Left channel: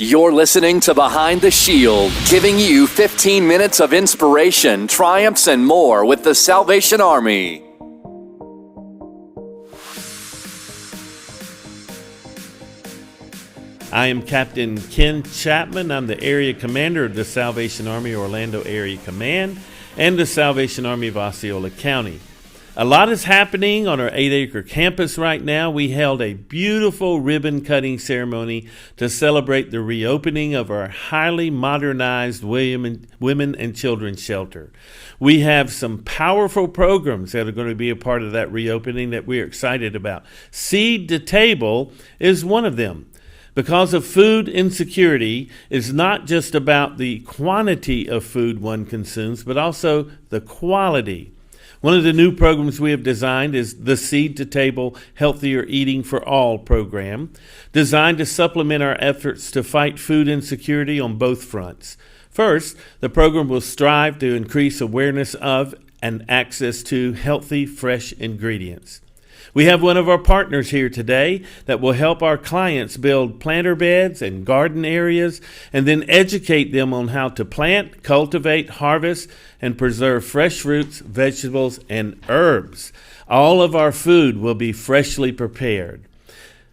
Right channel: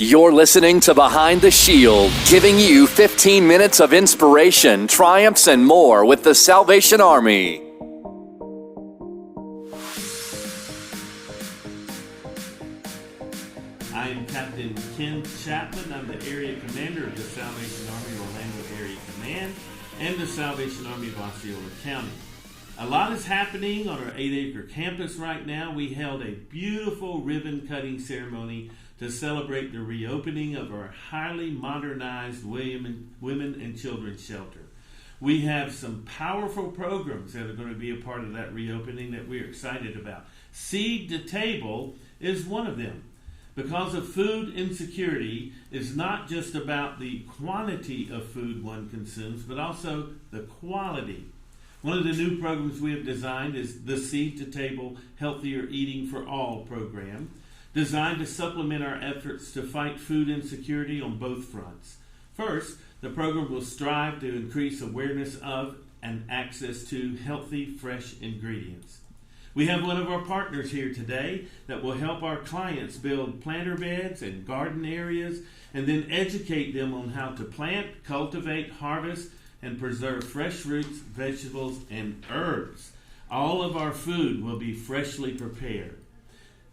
You're listening to Behind the Shield, giving you 15 minutes of inspiration, triumphs, and more with the Salvation Army. I am Captain Ken Chapman. I'm the area commander of the Salvation Army Orlando Area Command and the Salvation Army of Osceola County. A lot is happening on our 8-acre campus right now. We held a beautiful ribbon-cutting ceremony to celebrate the reopening of our highly modernized women and children's shelter. We have some powerful programs that are going to be a part of that reopening that we're excited about. Seed to Table is one of them. Because of food insecurity is not just about the quantity of food one consumes, but also the quality. One of the new programs we have designed is the Seed to Table Healthier Eating for All program, designed to supplement our efforts to fight food insecurity on both fronts. First, the program will strive to increase awareness of and access to healthy, fresh ingredients. We have one of our partners here today that will help our clients build planter beds and garden areas and then educate them on how to plant, cultivate, harvest, and preserve fresh fruits, vegetables, and herbs. All of our food will be freshly prepared.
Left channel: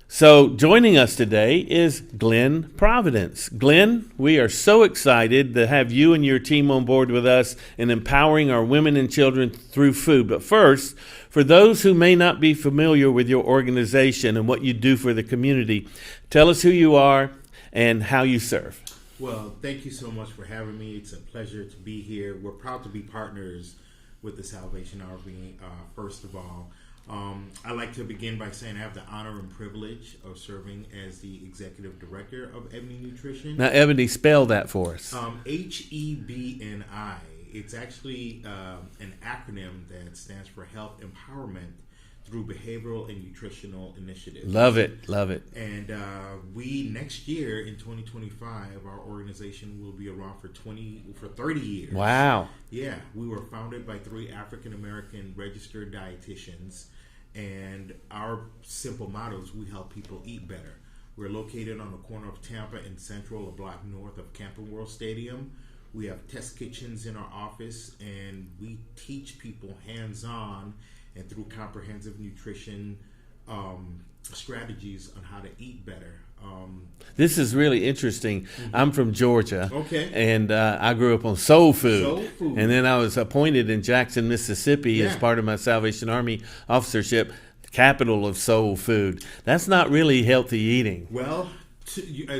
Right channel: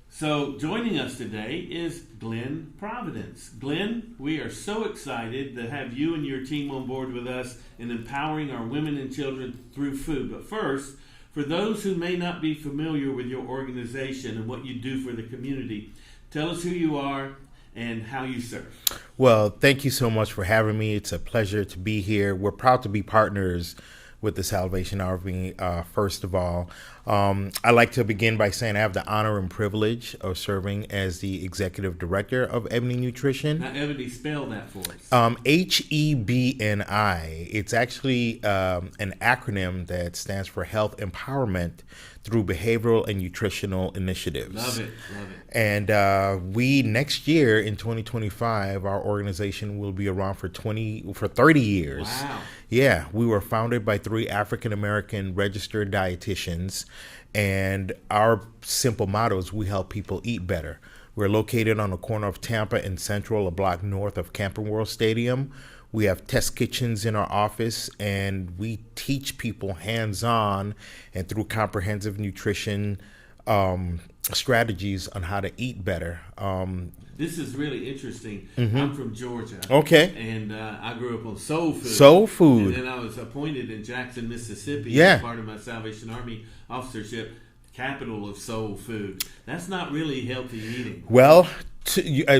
So joining us today is Glenn Providence. Glenn, we are so excited to have you and your team on board with us in empowering our women and children through food. But first, for those who may not be familiar with your organization and what you do for the community, tell us who you are and how you serve. Well, thank you so much for having me. It's a pleasure to be here. We're proud to be partners with the Salvation Army, first of all. I like to begin by saying I have the honor and privilege of serving as the executive director of Hebni Nutrition. Now, Ebony, spell that for us. Hebni. It's actually an acronym that stands for Health Empowerment through Behavioral and Nutritional Initiatives. Love it, love it. And we, next year in 2025, our organization will be around for 30 years. Wow. Yeah, we were founded by 3 African-American registered dietitians, and our simple motto is we help people eat better. We're located on the corner of Tampa and Central, a block north of Camping World Stadium. We have test kitchens in our office, and we teach people hands-on and through comprehensive nutrition strategies on how to eat better. This is really interesting. Mm-hmm. I'm from Georgia. Okay. And I grew up on soul food. Soul food. And then I was appointed in Jackson, Mississippi as part of my Salvation Army officership, capital of soul food. That's not really healthy eating. Well,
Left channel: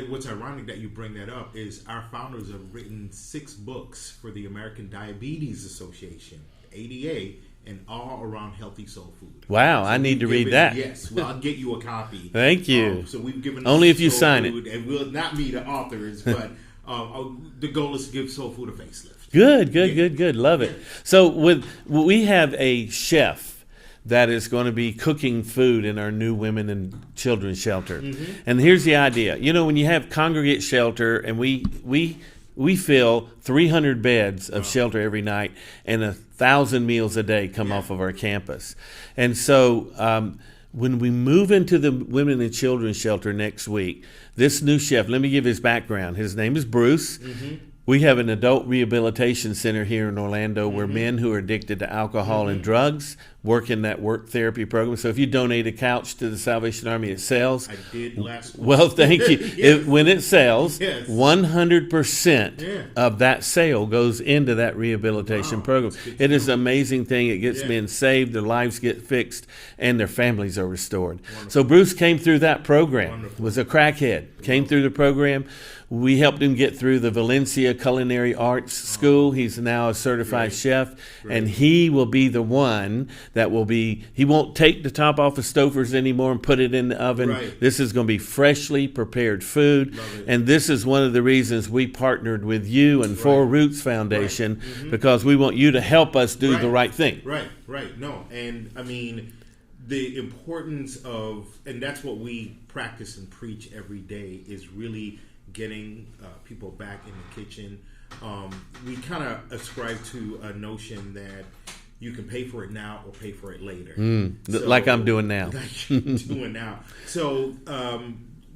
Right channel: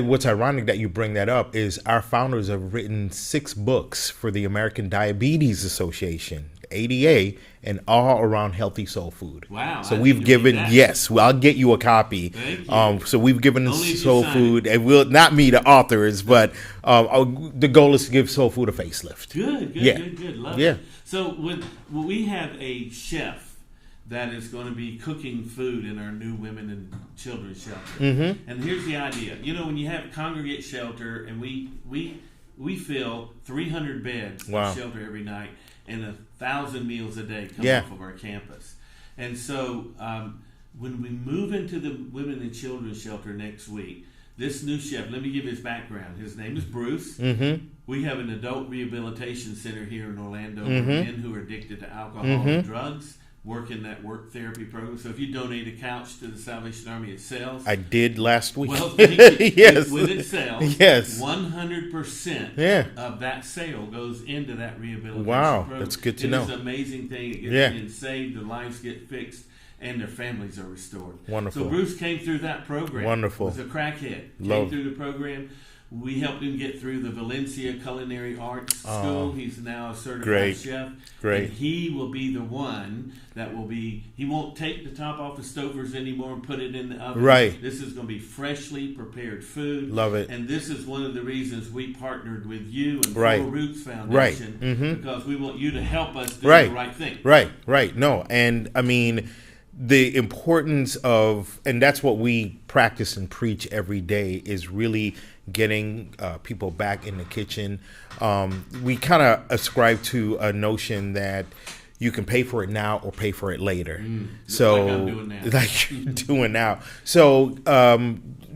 what's ironic that you bring that up is our founders have written 6 books for the American Diabetes Association, ADA, and all around healthy soul food. Wow, so I need to read that. Yes, well, I'll get you a copy. Thank you. So we've given only if you soul sign food, it. and we'll not me, the authors, but the goal is to give soul food a facelift. Good. Love it. So we have a chef that is going to be cooking food in our new women and children's shelter. Mm-hmm. And here's the idea. You know, when you have congregate shelter, and we fill 300 beds of shelter every night, and 1,000 meals a day come off of our campus. And so when we move into the women and children's shelter next week, this new chef, let me give his background. His name is Bruce. Mm-hmm. We have an adult rehabilitation center here in Orlando where men who are addicted to alcohol and drugs work in that work therapy program. So if you donate a couch to the Salvation Army, it sells. I did last week. Well, thank you. Yes. When it sells, 100% Yeah. of that sale goes into that rehabilitation program. That's good to It know. is an amazing thing. It gets men saved, their lives get fixed, and their families are restored. Wonderful. So Bruce came through that program. Wonderful. Was a crackhead. Came through the program. We helped him get through the Valencia Culinary Arts School. He's now a certified chef. And he will be the one that will be, he won't take the top off of Stouffer's anymore and put it in the oven. Right. This is going to be freshly prepared food. Love it. And this is one of the reasons we partnered with you and Four Roots Foundation, because we want you to help us do the right thing. Right. No, and I mean, the importance of, and that's what we practice and preach every day, is really getting people back in the kitchen. We kind of ascribe to a notion that you can pay for it now or pay for it later. So, like I'm doing now. Like you're doing now. So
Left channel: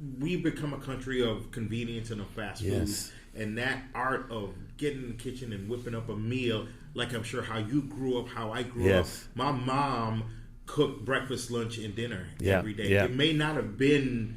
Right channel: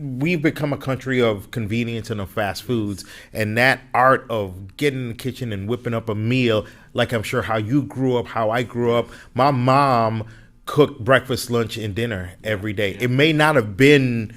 we've become a country of convenience and of fast foods, and that art of getting in the kitchen and whipping up a meal, like I'm sure how you grew up, how I grew up. My mom cooked breakfast, lunch, and dinner every day. It may not have been,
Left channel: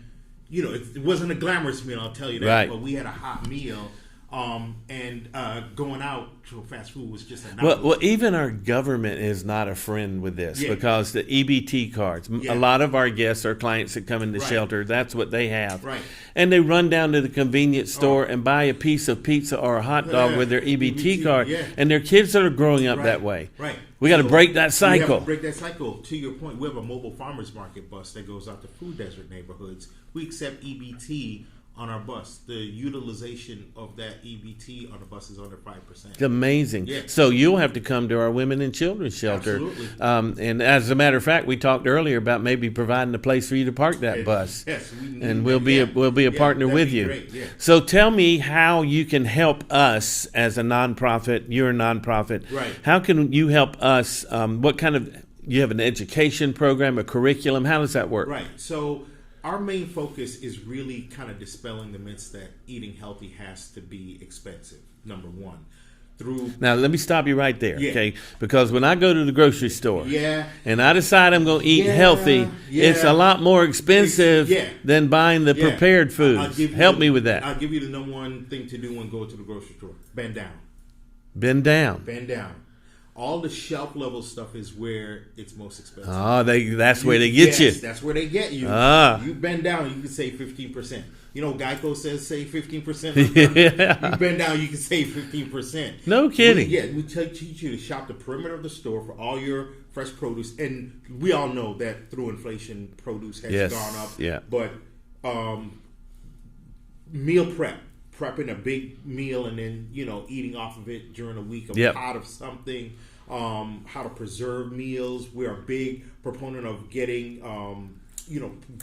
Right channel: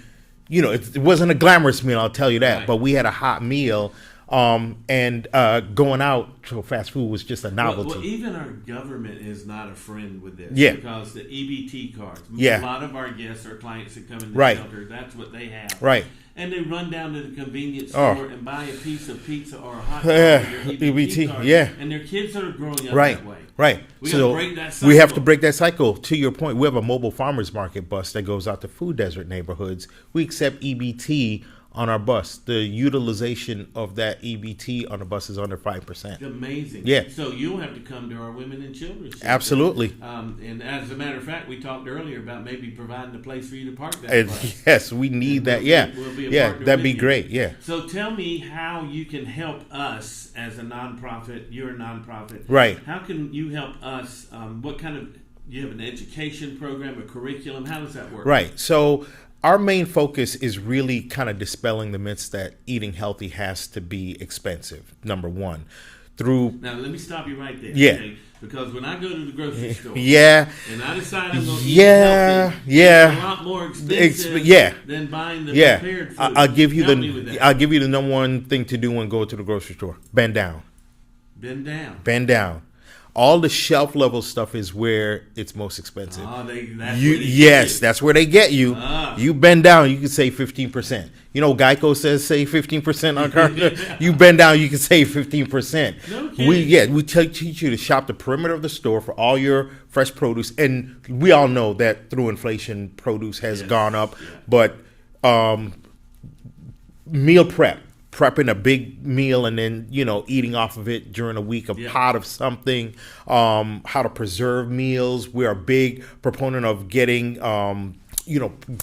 it wasn't a glamorous meal, I'll tell you that, but we had a hot meal. And going out to fast food was just a novelty. Well, even our government is not a friend with this because the EBT cards, a lot of our guests are clients that come into shelter. That's what they have. Right. And they run down to the convenience store and buy a piece of pizza or a hot dog with their EBT card. And their kids that are growing up that way. Right. We got to break that cycle. We have to break that cycle. To your point, we have a mobile farmers market bus that goes out to food desert neighborhoods. We accept EBT on our bus. The utilization of that EBT on the bus is under 5%. It's amazing. Yeah. So you'll have to come to our women and children's shelter. Absolutely. And as a matter of fact, we talked earlier about maybe providing a place for you to park that bus. Yes, we need that. We'll be a partner with you. That'd be great. Yeah. So tell me how you can help us as a nonprofit. You're a nonprofit. Right. How can you help us? What kind of, you have an education program, a curriculum? How does that work? Right. So our main focus is really kind of dispelling the myths that eating healthy has to be expensive, number one. Now, let me stop you right there, okay? Because when I go to the grocery store and I decide I'm going to eat healthy, it's a lot more expensive than buying the prepared food. Help me with that. I'll give you the number one thing to do when you go to the grocery store. Bend down. Bend down. Bend down. All the shelf level stuff is where it's most expensive. That's where they get you. Yes, that's where they get you. You bend down, you can save 15%. Geico says save 15% on car. You bend down, you can save 15%. No kidding. We teach you to shop the perimeter of the store for all your fresh produce. And we all know that through inflation, produce has gone up. Yeah. But meal prepping a big meal and then, eating off of it during a week, a pot of something, how to preserve meals. We're a big proponent of getting,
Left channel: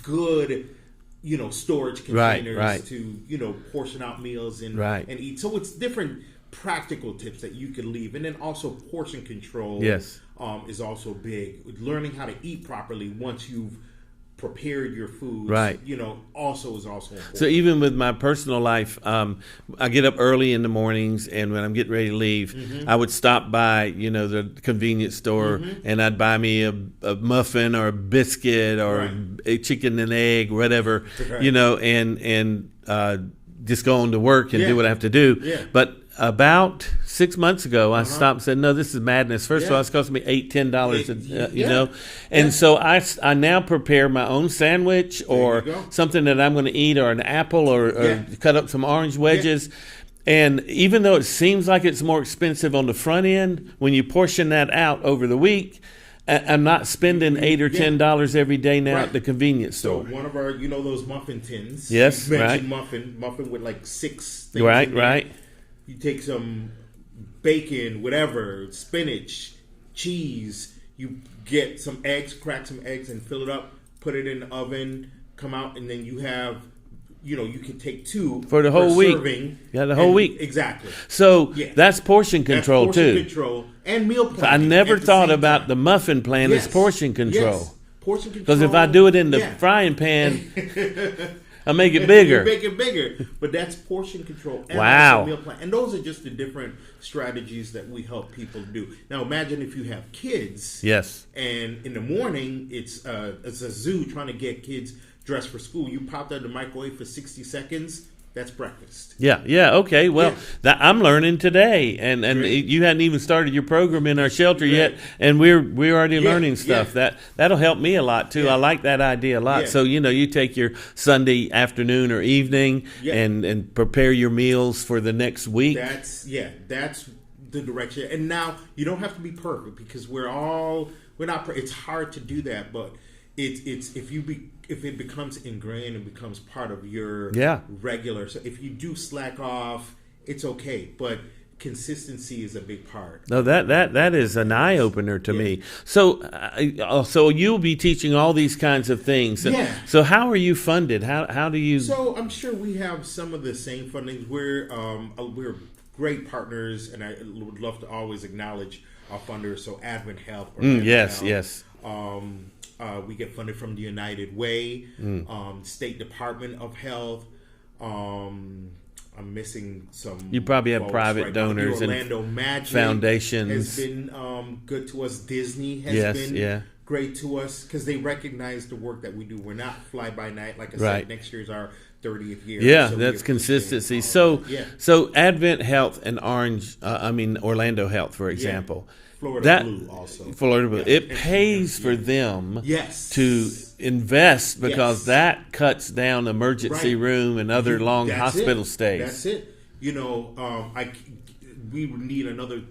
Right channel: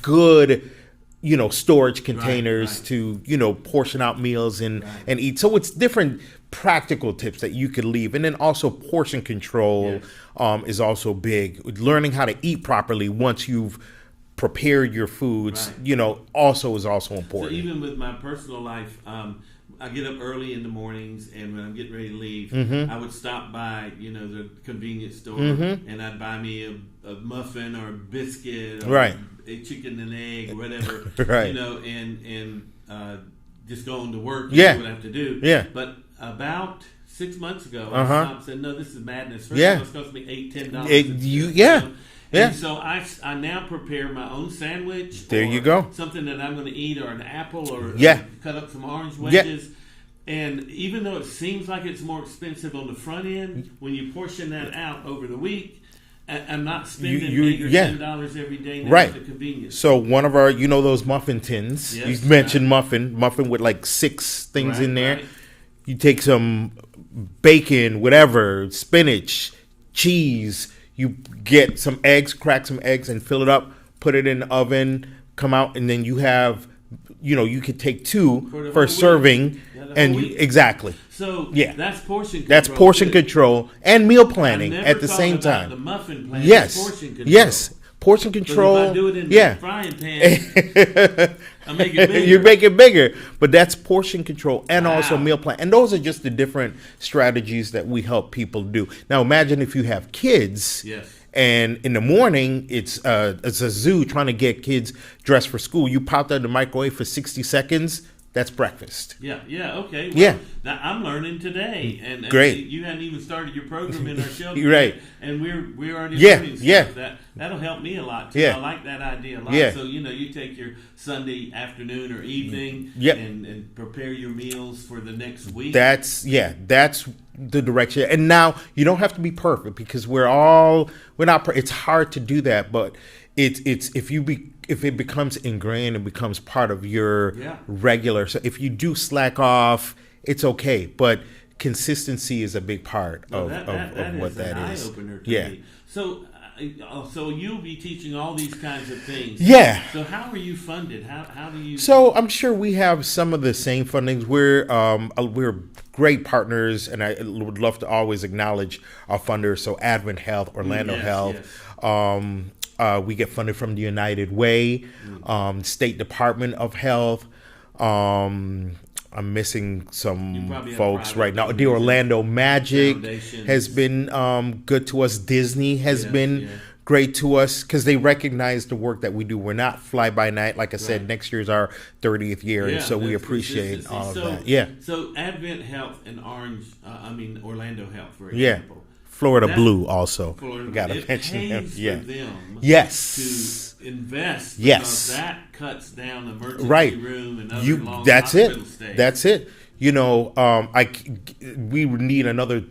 good, storage containers to, portion out meals and eat. So it's different practical tips that you could leave. And then also portion control is also big. Learning how to eat properly once you've prepared your foods, also is also important. So even with my personal life, I get up early in the mornings, and when I'm getting ready to leave, I would stop by, the convenience store, and I'd buy me a muffin or a biscuit or a chicken and egg, whatever, and just go on to work and do what I have to do. Yeah. But about 6 months ago, I stopped and said, no, this is madness. First of all, it's costing me $8-10. And so I now prepare my own sandwich or something that I'm going to eat, or an apple, or cut up some orange wedges. And even though it seems like it's more expensive on the front end, when you portion that out over the week, I'm not spending $8 or $10 every day now at the convenience store. So one of our, those muffin tins. Yes, you mentioned muffin with like 6 things in there. Right. You take some bacon, whatever, spinach, cheese. You get some eggs, crack some eggs, and fill it up. Put it in the oven. Come out, and then you have, you could take 2 for the whole week. Serving. Yeah, the whole week. Exactly. So that's portion control. That's portion control and meal planning. I never thought about the muffin plan as portion control. Yes, portion control. Because if I do it in the frying pan, I make it bigger. You make it bigger. But that's portion control and also meal plan. And those are just the different strategies that we help people do. Now imagine if you have kids. Yes. And in the morning, it's a zoo trying to get kids dressed for school. You pop that in the microwave for 60 seconds. That's breakfast. Yeah, okay. Well, I'm learning today, and you hadn't even started your program in our shelter yet, and we're already learning stuff. That'll help me a lot too. I like that idea a lot. So you take your Sunday afternoon or evening and prepare your meals for the next week. That's the direction. And now you don't have to be perfect, because we're not. It's hard to do that, but it's if it becomes ingrained and becomes part of your regular. So if you do slack off, it's okay. But consistency is a big part. No, that is an eye opener to me. So you'll be teaching all these kinds of things. So how are you funded? How do you? So I'm sure we have some of the same fundings. We're great partners, and I would love to always acknowledge our funders. So Advent Health, Orlando Health. We get funded from the United Way, State Department of Health. I'm missing some. You probably have folks private right now. The donors and Orlando Magic foundations. has been good to us. Disney has been great to us because they recognize the work that we do. We're not fly by night. Like I said, next year's our 30th year. Yeah, so that's we appreciate consistency. all of So that. so Advent Health and Orlando Health, for example. Florida Blue also. Florida Blue. It pays for them to invest because that cuts down emergency room and other long hospital stays. That's it. You know, we need another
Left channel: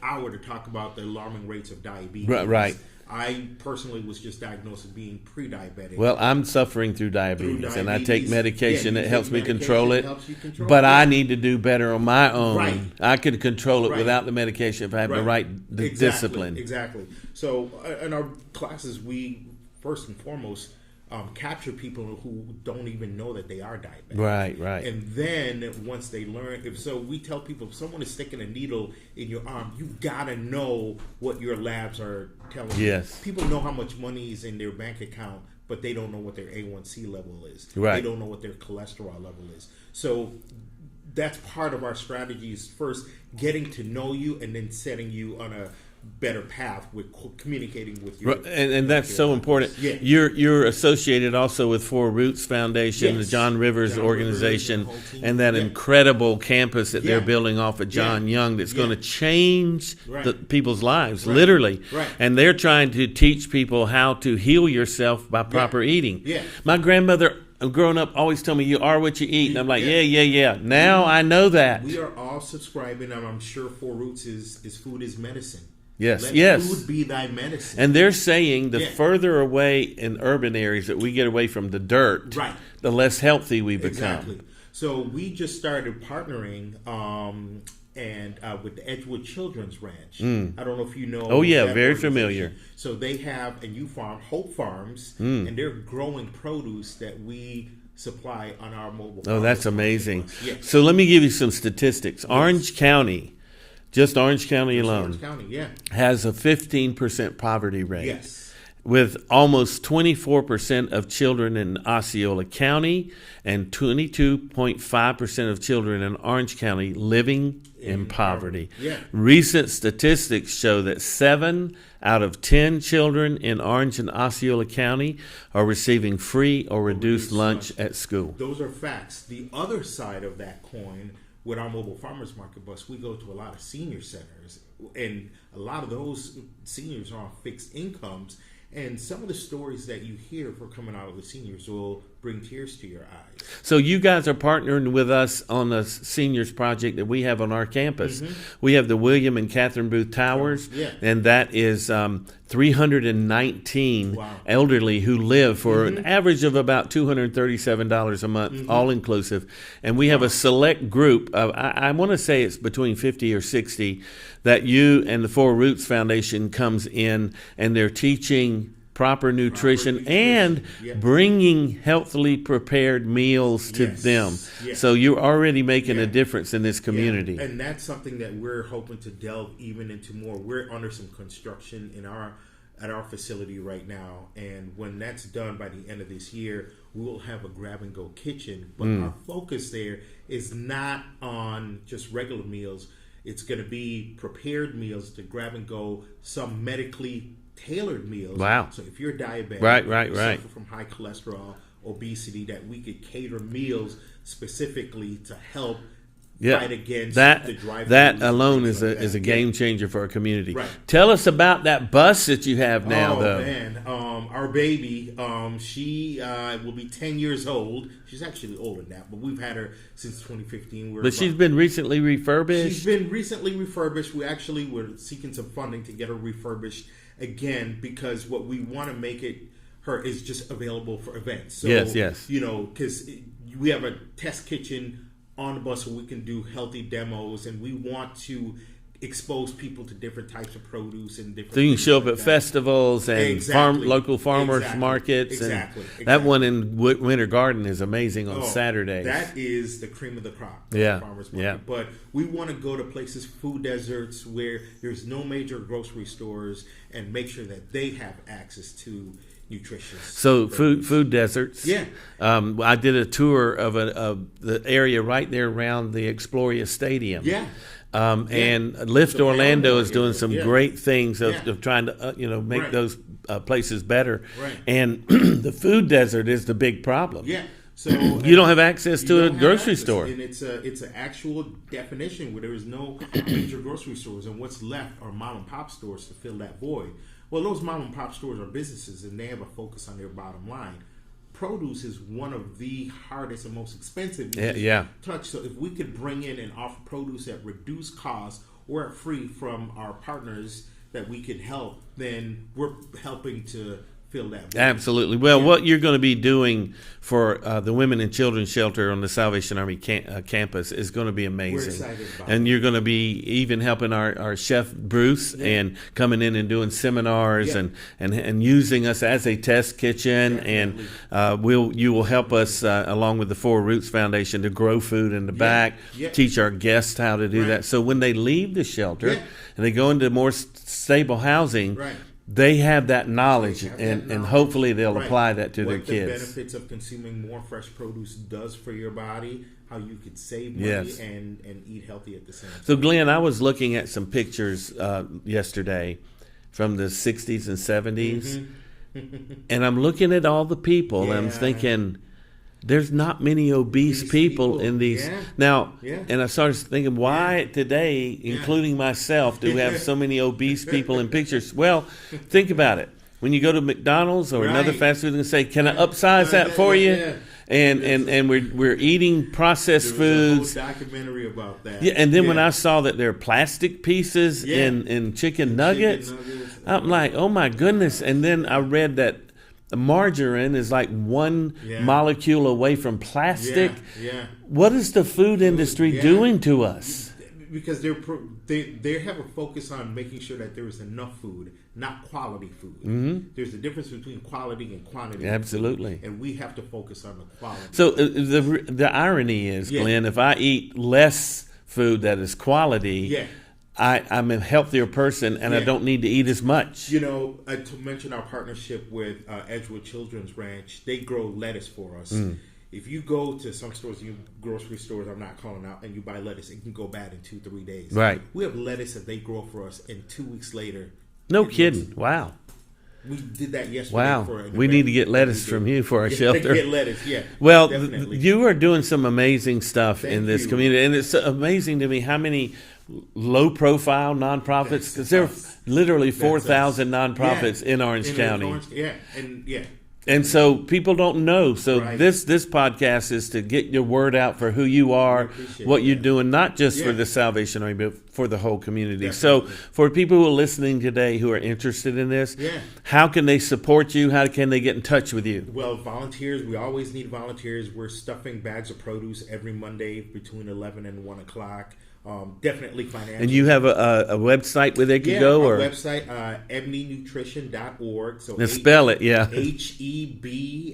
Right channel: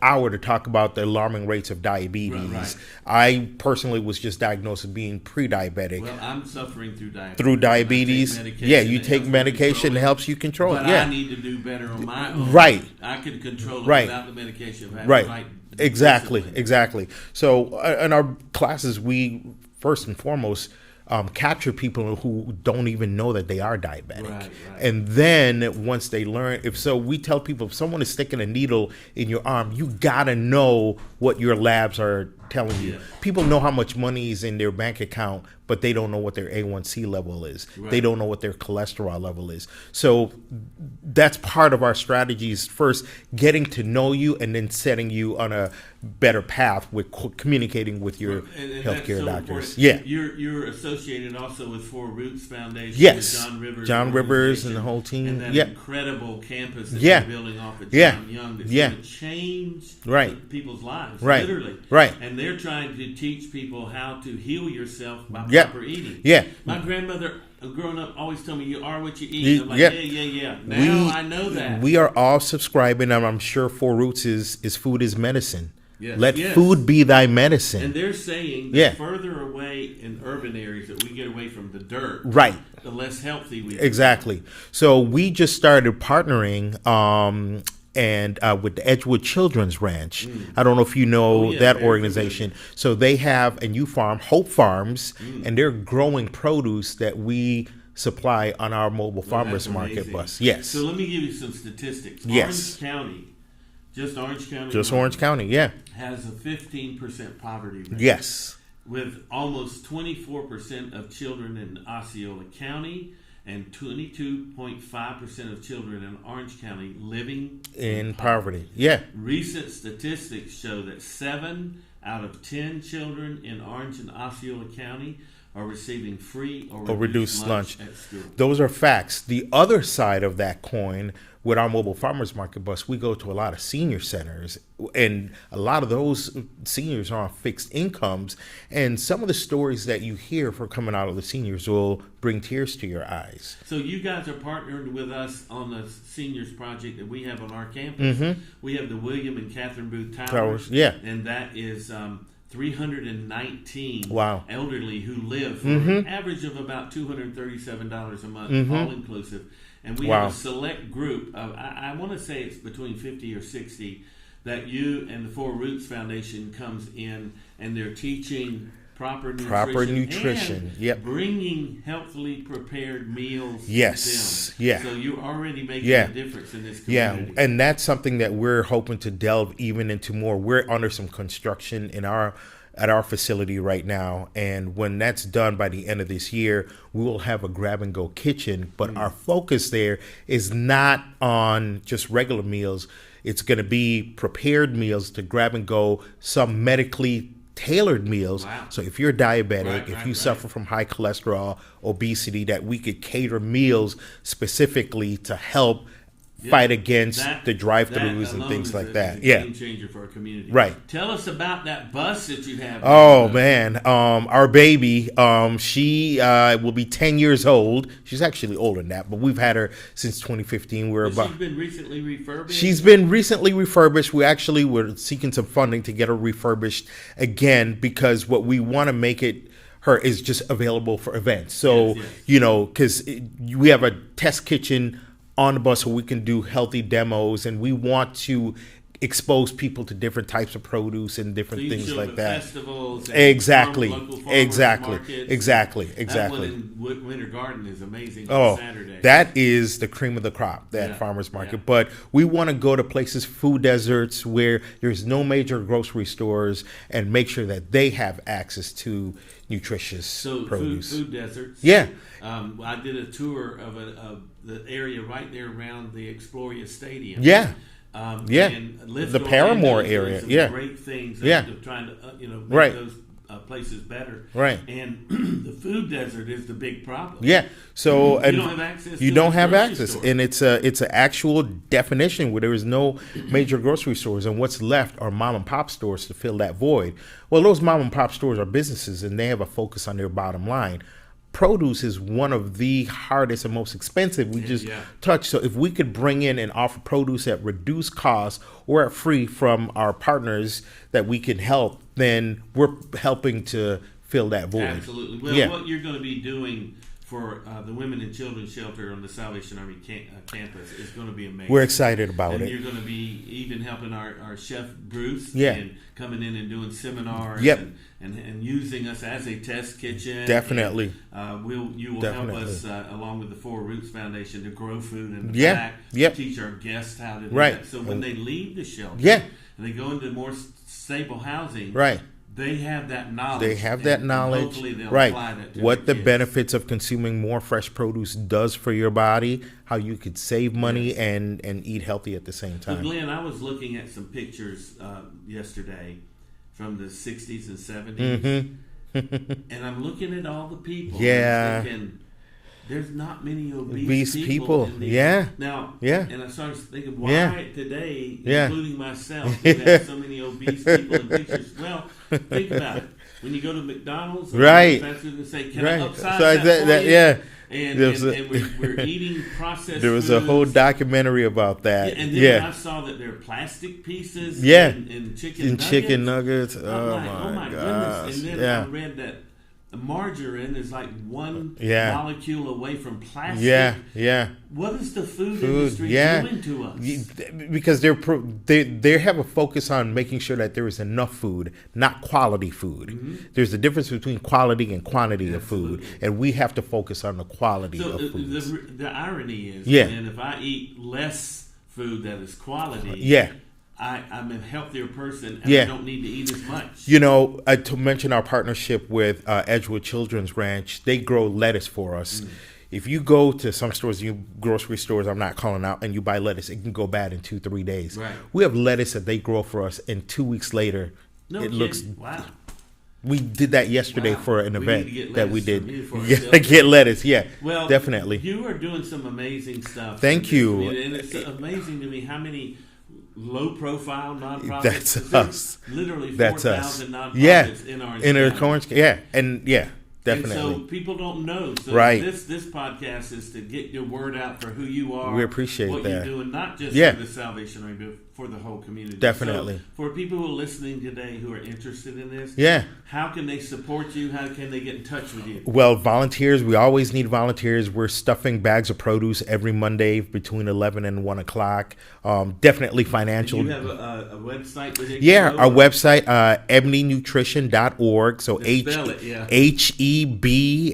hour to talk about the alarming rates of diabetes. Right. I personally was just diagnosed with being pre-diabetic. Well, I'm suffering through diabetes. Through diabetes. And I take medication. Yeah, you take medication that helps you control it. But it. I need to do better on my own. Right. I could control it without the medication if I have the right discipline. Exactly. So in our classes, we first and foremost capture people who don't even know that they are diabetic. Right. And then once they learn, we tell people, if someone is sticking a needle in your arm, you gotta know what your labs are telling you. People know how much money is in their bank account, but they don't know what their A1C level is. They don't know what their cholesterol level is. So that's part of our strategies. First, getting to know you, and then setting you on a better path with communicating with your and that's so doctors. important. Yeah, you're associated also with Four Roots Foundation, the John Rivers organization, and the whole team, and that incredible campus that they're building off of John Young that's going to change people's lives, literally. And they're trying to teach people how to heal yourself by proper eating. My grandmother, growing up, always told me, you are what you eat. And I'm like, yeah. Now I know that. We are all subscribing, and I'm sure Four Roots is food is medicine. Let Yes. food be thy medicine. And they're saying the further away in urban areas that we get away from the dirt, the less healthy we become. Exactly. So we just started partnering with the Edgewood Children's Ranch. I don't know if you know that organization. Familiar. So they have a new farm, Hope Farms, and they're growing produce that we supply on our mobile farmers market bus. Yes. So let me give you some statistics. Orange County, just Orange County alone, Orange County, has a 15% poverty rate. Yes. With almost 24% of children in Osceola County and 22.5% of children in Orange County living in poverty. Recent statistics show that 7 out of 10 children in Orange and Osceola County are receiving free or reduced lunch at school. Those are facts. The other side of that coin, with our mobile farmers market bus, we go to a lot of senior centers, and a lot of those seniors are on fixed incomes. And some of the stories that you hear from coming out of the seniors will bring tears to your eyes. So you guys are partnering with us on a seniors project that we have on our campus. We have the William and Catherine Booth Towers, and that is 319 elderly who live for an average of about $237 a month, all inclusive. And we have a select group of, I want to say it's between 50 or 60, that you and the Four Roots Foundation comes in, and they're teaching proper nutrition and bringing healthily prepared meals to them. So you're already making a difference in this community. And that's something that we're hoping to delve even into more. We're under some construction at our facility right now, and when that's done by the end of this year, we will have a grab-and-go kitchen. But our focus there is not on just regular meals. It's going to be prepared meals to grab and go, some medically tailored meals. So if you're diabetic, if you suffer from high cholesterol, obesity, that we could cater meals specifically to help fight against the drive-throughs. That alone is a game changer for our community. Tell us about that bus that you have now. Man, our baby, she will be 10 years old. She's actually older than that, but we've had her since 2015. She's been recently refurbished? She's been recently refurbished. We actually were seeking some funding to get her refurbished again, because what we want to make her is just available for events. So, you know, because we have a test kitchen on the bus so we can do healthy demos, and we want to expose people to different types of produce and different things. So you can show up at festivals and local farmers markets. Exactly. That one in Winter Garden is amazing on Saturday. That is the cream of the crop, that farmers market. But we want to go to places, food deserts, where there's no major grocery stores, and make sure that they have access to nutritious. So produce. food deserts. Yeah. I did a tour of the area right there around the Exploria Stadium. Yeah. And Lift The Orlando Paramore is doing area. some Yeah. great things of trying to make Right. those places better. Right. And the food desert is the big problem. Yeah. So you don't have access to a grocery store. And it's an actual definition where there is no major grocery stores, and what's left are mom and pop stores to fill that void. Well, those mom and pop stores are businesses, and they have a focus on their bottom line. Produce is one of the hardest and most expensive we touch. So if we could bring in and offer produce at reduced cost or at free from our partners that we can help, then we're helping to fill that void. Absolutely. Well, what you're going to be doing for the Women and Children's Shelter on the Salvation Army campus is going to be amazing. We're excited about it. And you're going to be even helping our chef Bruce and coming in and doing seminars and using us as a test kitchen. Definitely. And you will help us along with the Four Roots Foundation to grow food in the back, teach our guests how to do that. So when they leave the shelter and they go into more stable housing, they have that knowledge. And hopefully they'll apply that to their kids. What the benefits of consuming more fresh produce does for your body, how you could save money and eat healthy at the same time. So, Glenn, I was looking at some pictures yesterday from the 60s and 70s, and I'm looking at all the people, and I'm thinking, there's not many obese people in these. Now, and I started thinking, why today, including myself, do we have so many obese people in pictures? Well, think about it. When you go to McDonald's or another fast food and say, can I upsize that for you? And we're eating processed foods. There was a whole documentary about that. And then when I saw that there are plastic pieces in chicken nuggets, I'm like, oh my goodness. And then I read that margarine is like one molecule away from plastic. What is the food industry doing to us? Because they have a focus on making sure that there is enough food, not quality food. There's a difference between quality and quantity of food, and we have to focus on the quality. So of food. the irony is, Glenn, if I eat less food that is quality, I'm a healthier person, and I don't need to eat as much. You know, to mention our partnership with Edgewood Children's Ranch, they grow lettuce for us. If you go to some stores, grocery stores, I'm not calling out, and you buy lettuce, it can go bad in 2-3 days. Right. We have lettuce that they grow for us, and 2 weeks later, no kidding. Wow. We did that yesterday for an event. We need to get lettuce from you for our shelter. Get lettuce, Well, definitely. You are doing some amazing stuff in this community, and it's amazing to me how many low-profile nonprofits. There's literally 4,000 nonprofits in Orange County. Definitely. And so people don't know. So this podcast is to get your word out for who you are, we appreciate what that. you're doing, not just for the Salvation Army, but for the whole community. Definitely. So for people who are listening today who are interested in this, how can they support you? How can they get in touch with you? Well, volunteers, we always need volunteers. We're stuffing bags of produce every Monday between 11 and 1 o'clock. Definitely financial. And you have a website where they can go? Our website, ebnynutrition.org. So spell it, HEB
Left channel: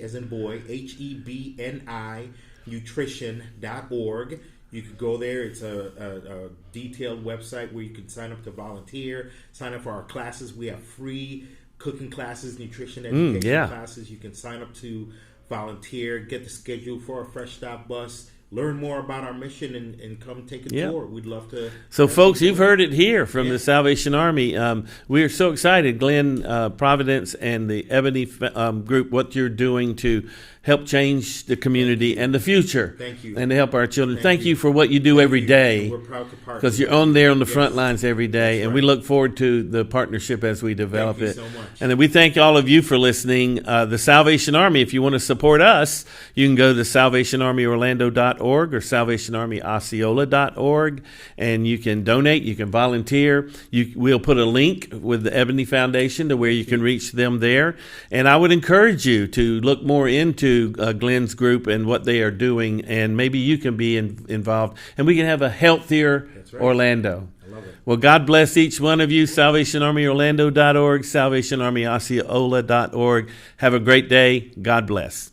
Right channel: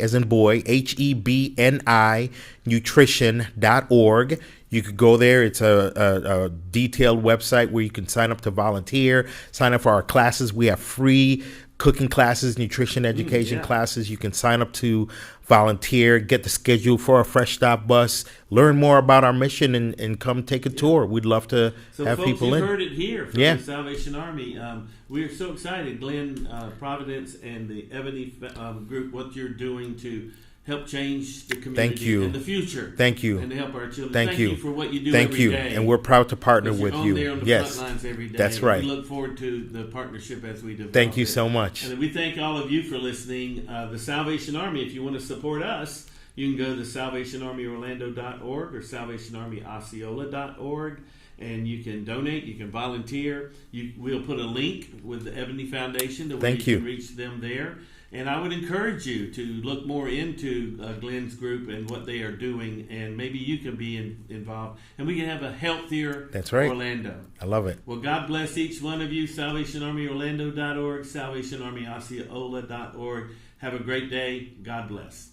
as in boy, HEBNI nutrition.org. You could go there. It's a detailed website where you can sign up to volunteer, sign up for our classes. We have free cooking classes, nutrition education classes. You can sign up to volunteer, get the schedule for a Fresh Stop bus, learn more about our mission, and come take a tour. We'd love to. So, folks, you've heard it here from the Salvation Army. We are so excited, Glenn Providence and the Ebony group, what you're doing to help change the community and the future. Thank you. And to help our children. Thank you for what you do every day. And we're proud to partner with you. Because you're on there on the front lines every day. That's right. And we look forward to the partnership as we develop it. Thank you so much. And then we thank all of you for listening. The Salvation Army, if you want to support us, you can go to salvationarmyorlando.org or salvationarmyosceola.org, and you can donate, you can volunteer. We'll put a link with the Ebony Foundation to where you can reach them there. And I would encourage you to look more into Glenn's group and what they are doing, and maybe you can be involved, and we can have a healthier Orlando. I love it. Well, God bless each one of you. SalvationArmyOrlando.org, SalvationArmyOsceola.org. Have a great day. God bless.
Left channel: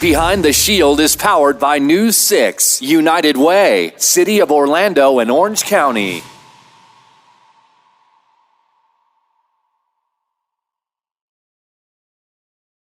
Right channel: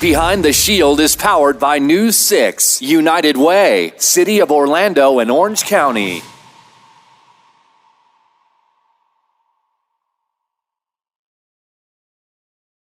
Behind the Shield is powered by News 6, United Way, City of Orlando and Orange County.